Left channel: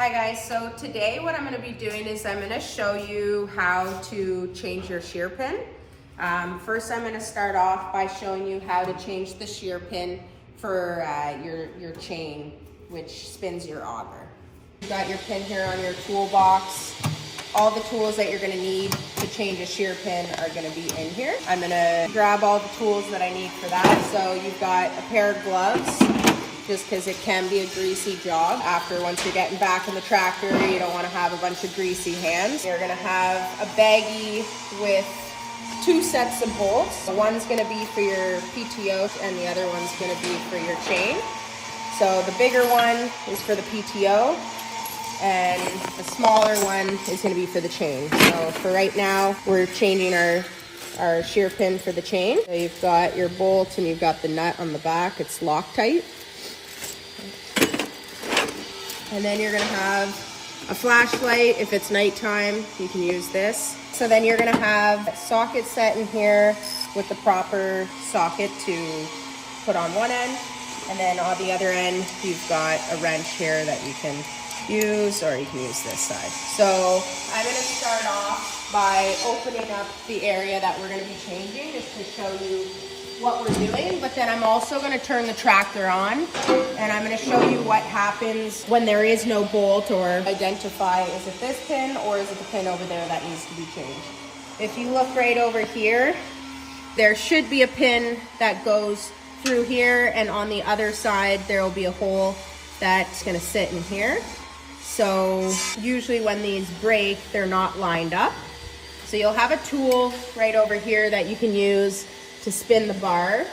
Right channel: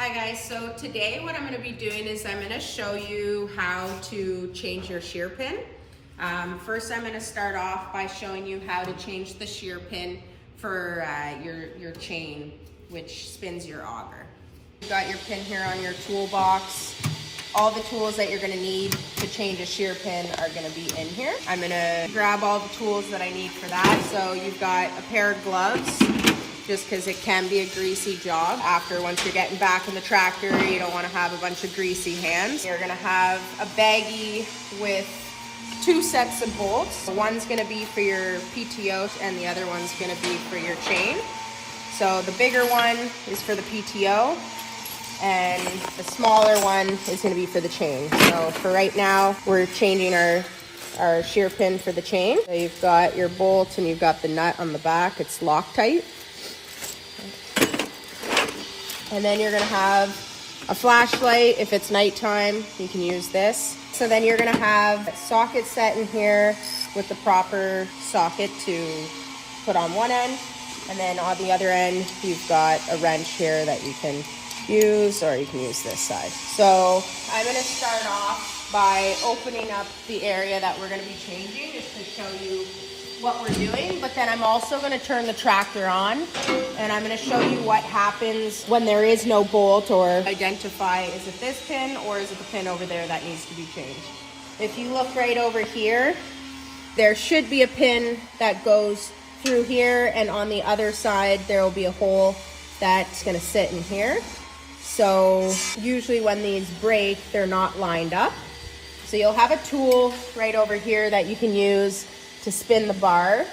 Hi guys, so today what I'm going to be doing is I'm going to show you how to change your shear pin. First I'm going to start off by showing you how to change the shear pin for your chain, which spins your auger. You've got your pin here on your toolbox. All the tools that you're going to need to change a shear pin are going to be in here. I'm going to grab all the tools that I need for that. So you've got a pair of gloves, just because it can be a greasy job. Once you're getting back in the tractor, you don't want to have a bunch of greasy hands. You're going to have a baggie with 2 sets of bolts. One's going to be for your PTO and the other one's going to be for your chain. So the bigger one is for the PTO and the smaller one is going to be for the chain. So for right now, we're changing our shear pin for the chain. So you've got your bolt and you've got the nut on the back. It's Loctite. And then you're gonna have a flashlight. If it's nighttime, you can use this. So then you're gonna have a socket set in here with the proper socket to put on one end. And then on the other end, you've got a wrench here that you can use, or you can use this side. So I'm gonna start off by opening up the area that we're gonna be changing, just to show you what we're doing. But then I'm also going to turn the tractor on and I'm going to show you what happens when there is no bolt, or identify, is it this pin or is it the pin over there that needs to be changed. If you look right over here, there should be a pin that goes through here, and on the other side there will be a hole that's going to sit in here. So usually when these break, they're not lined up. So you'll have a tool right over here that you can use to spin the bar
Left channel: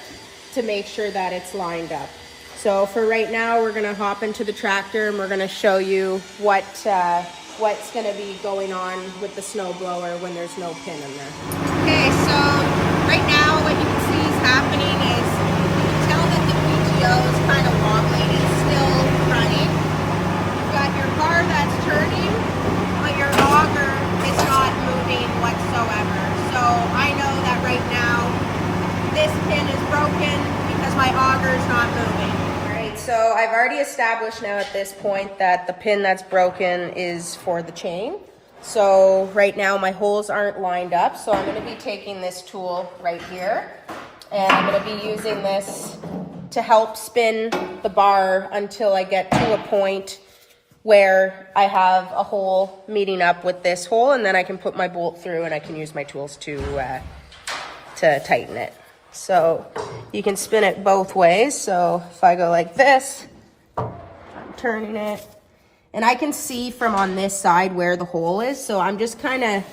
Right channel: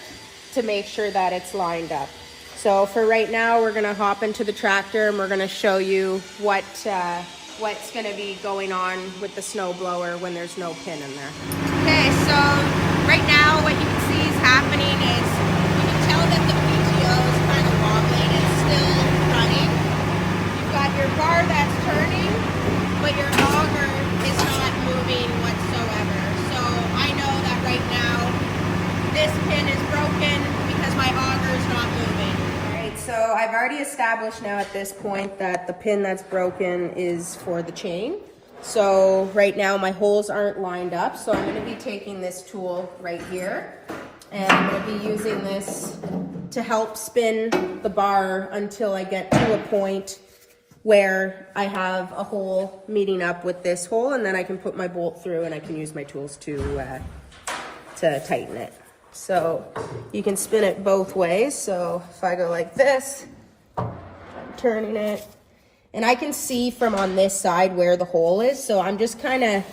to make sure that it's lined up. So for right now, we're gonna hop into the tractor and we're gonna show you what's gonna be going on with the snow blower when there's no pin in there. Okay, so right now what you can see is happening is you can tell that the PTO is kind of wobbling. It's still running. You've got your bar that's turning, but your auger is not moving whatsoever. So I know that right now this pin is broken because my auger is not moving. All right, so I've already established now at this point that the pin that's broken is for the chain. So right now my holes aren't lined up, so I'm going to be taking this tool right here and I'm going to be using this to help spin the bar until I get to a point where I have a hole meeting up with this hole, and then I can put my bolt through and I can use my tools to tighten it. So you can spin it both ways. So if I go like this, I'm turning it, and I can see from on this side where the hole is. So I'm just kind of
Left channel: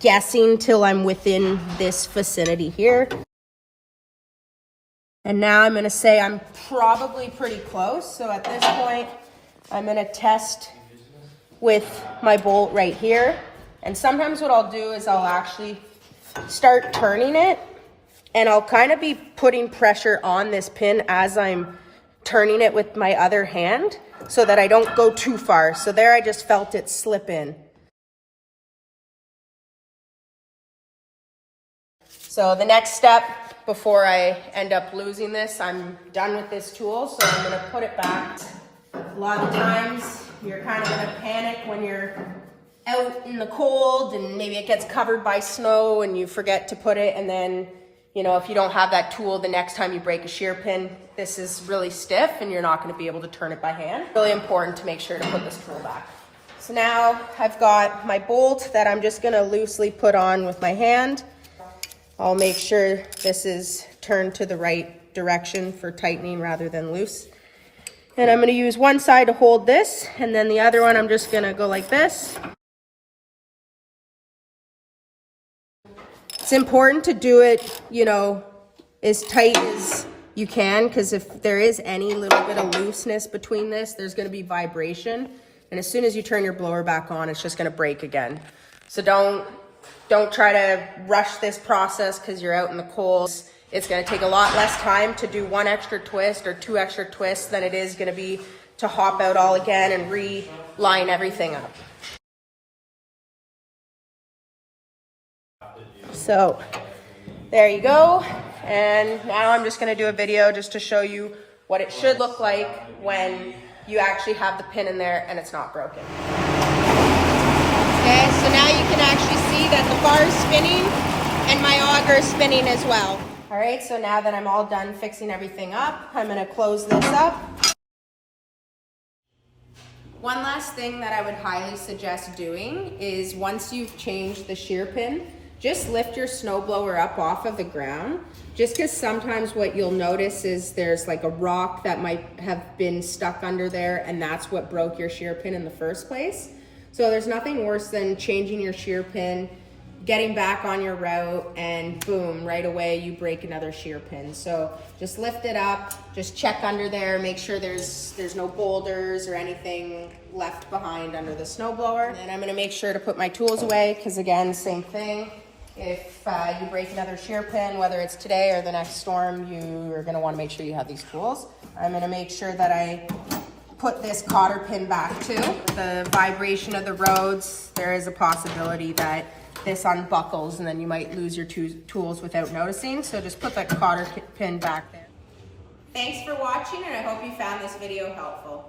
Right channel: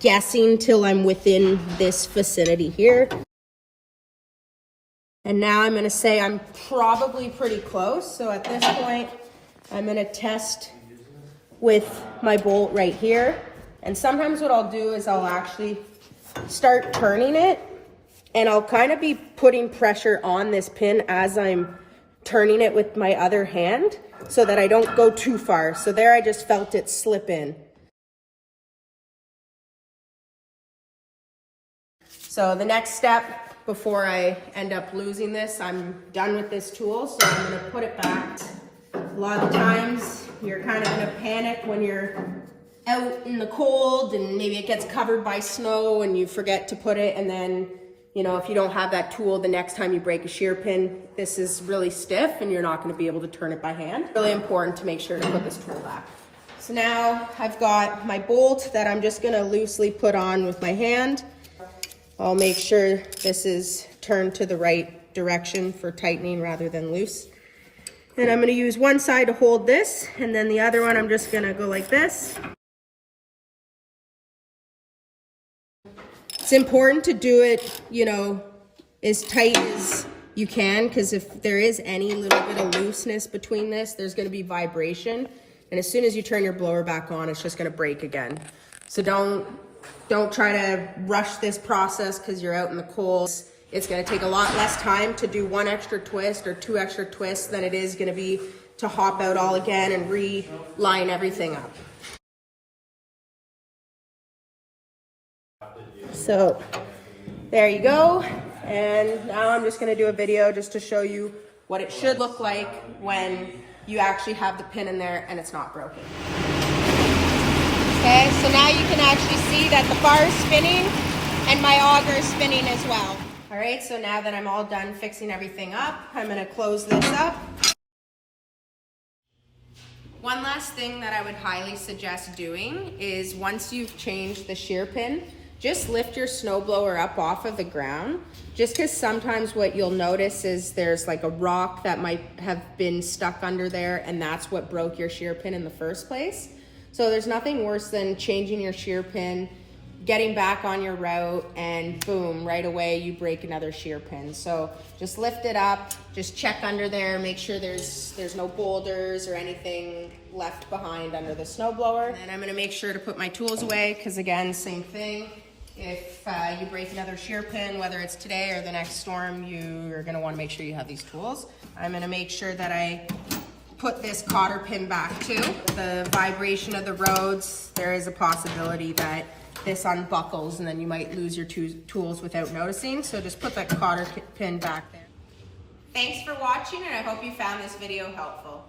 guessing till I'm within this vicinity here. And now I'm going to say I'm probably pretty close. So at this point, I'm going to test with my bolt right here. And sometimes what I'll do is I'll actually start turning it, and I'll kind of be putting pressure on this pin as I'm turning it with my other hand so that I don't go too far. So there I just felt it slip in. So the next step before I end up losing this, I'm done with this tool, so I'm gonna put it back. A lot of times you're kind of in a panic when you're out in the cold and maybe it gets covered by snow and you forget to put it, and then, you know, if you don't have that tool, the next time you break a shear pin, this is really stiff and you're not going to be able to turn it by hand. Really important to make sure to put this tool back. So now I've got my bolt that I'm just going to loosely put on with my hand. I'll make sure this is turned to the right direction for tightening rather than loose. And I'm going to use one side to hold this, and then the other one I'm just going to go like this. It's important to do it, you know, as tight as you can, because if there is any little bit of looseness between this, there's going to be vibration. And as soon as you turn your blower back on, it's just going to break again. So don't try to rush this process because you're out in the cold. It's going to take a lot less time to do 1 extra twist or 2 extra twists than it is going to be to hop out all again and re-line everything up. So there you go. And now I'm just going to do a video just to show you what it should look like when you actually have the pin in there and it's not broken. Okay, so now you can actually see that the bar is spinning and my auger is spinning as well. All right, so now that I'm all done fixing everything up, I'm gonna close this up. One last thing that I would highly suggest doing is once you've changed the shear pin, just lift your snowblower up off of the ground, just because sometimes what you'll notice is there's like a rock that might have been stuck under there, and that's what broke your shear pin in the first place. So there's nothing worse than changing your shear pin, getting back on your route, and boom, right away you break another shear pin. So just lift it up, just check under there, make sure there's no boulders or anything left behind under the snowblower. And then I'm gonna make sure to put my tools away, because again, same thing. If you break another shear pin, whether it's today or the next storm, you are gonna wanna make sure you have these tools. I'm gonna make sure that I put this cotter pin back too. The vibration of the roads, there is a possibility that this unbuckles and then you might lose your tools without noticing. So just put that cotter pin back there. Thanks for watching, and I hope you found this video helpful.